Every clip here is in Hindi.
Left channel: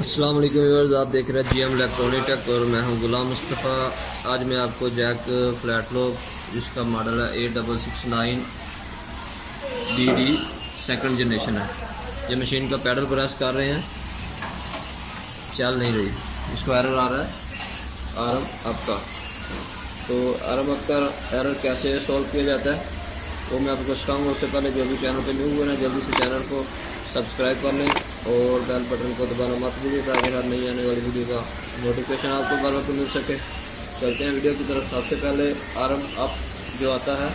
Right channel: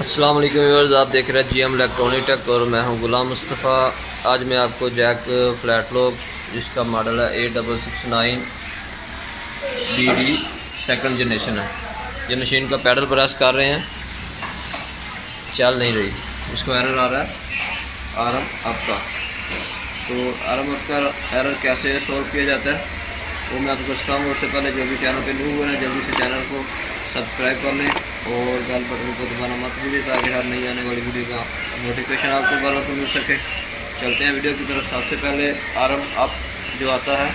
अस्सलाम वालेकुम व्यूअर्स, आप देख रहे हैं जीएम इलेक्ट्रॉनिक टेक और मैं हूं गुलाम मुस्तफ़ा। आज मैं आपको जैक फ्लैट लॉक जिसका मॉडल है 8669 BD सेकंड जनरेशन है। ये मशीन का पैडल प्रेस कर रहे हैं, चल नहीं रही, इसको एरर आ रहा है आरम अप का। तो आरम अप का एरर कैसे सॉल्व किया जाता है वो मैं आपको बताऊँगा। उससे पहले जो भी चैनल पे न्यू हुए हैं जल्दी से चैनल को सब्सक्राइब कर लें और बेल बटन को दबाना मत भूलिए ताकि हर नई आने वाली वीडियो का नोटिफिकेशन आपको बार को मिल सके। चलते हैं वीडियो की तरफ। सबसे पहले आरम अप जो आता है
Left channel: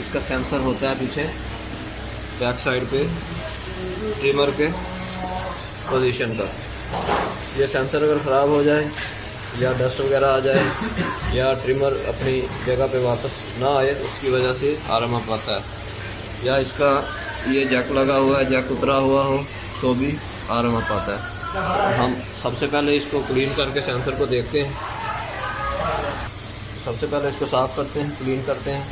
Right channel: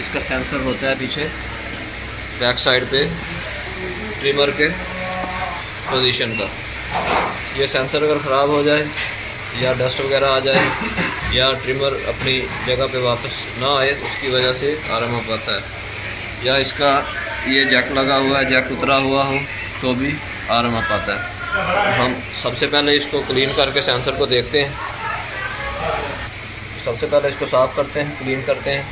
इसका सेंसर होता है पीछे बैक साइड पे ट्रिमर के पोजीशन का। ये सेंसर अगर ख़राब हो जाए या डस्ट वगैरह आ जाए या ट्रिमर अपनी जगह पे वापस ना आए उसकी वजह से आरम अप आता है। या इसका ये जैक लगा हुआ है, जैक उतरा हुआ हो तो भी आरम अप आता है। हम सबसे पहले इसको क्लीन करके सेंसर को देखते हैं। सबसे पहले इसको साफ़ करते हैं, क्लीन करते हैं।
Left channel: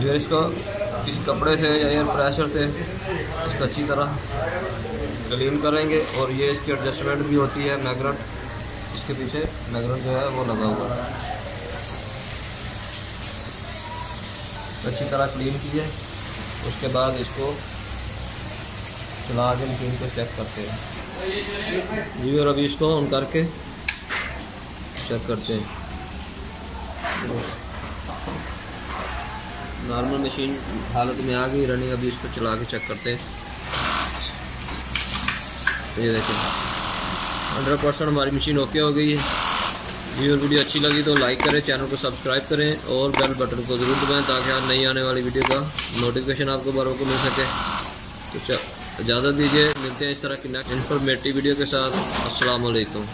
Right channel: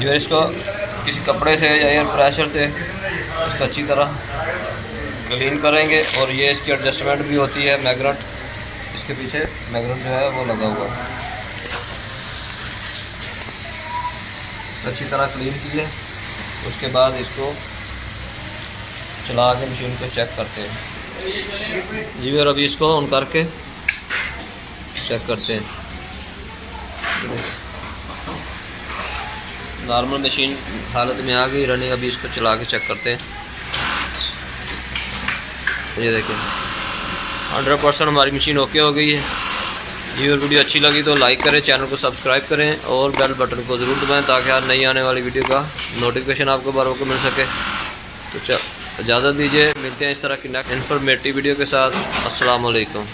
ये इसको किसी कपड़े से या एयर प्रेशर से इसको अच्छी तरह क्लीन करेंगे। और ये इसकी एडजस्टमेंट भी होती है, मैग्नेट इसके पीछे मैग्नेट जो है वो लगा हुआ है। अच्छी तरह क्लीन किए, उसके बाद इसको चला के मशीन को चेक करते हैं। जी और अभी इसको ऑन करके चेक करते हैं। नॉर्मल मशीन हालत में आ गई रनिंग। अभी इसको चला के चेक करते हैं। ये देखें 100% हमारी मशीन ओके हो गई है। ये वीडियो अच्छी लगी तो लाइक करें, चैनल को सब्सक्राइब करें और बेल बटन को ज़रूर दबाएं ताकि हर नई आने वाली वीडियो का नोटिफिकेशन आपको बार बार मिल सके। तो इजाज़त दीजिए, मिलते हैं इस तरह की नेक्स्ट इन्फॉर्मेटिव वीडियो के साथ। अस्सलाम वालेकुम।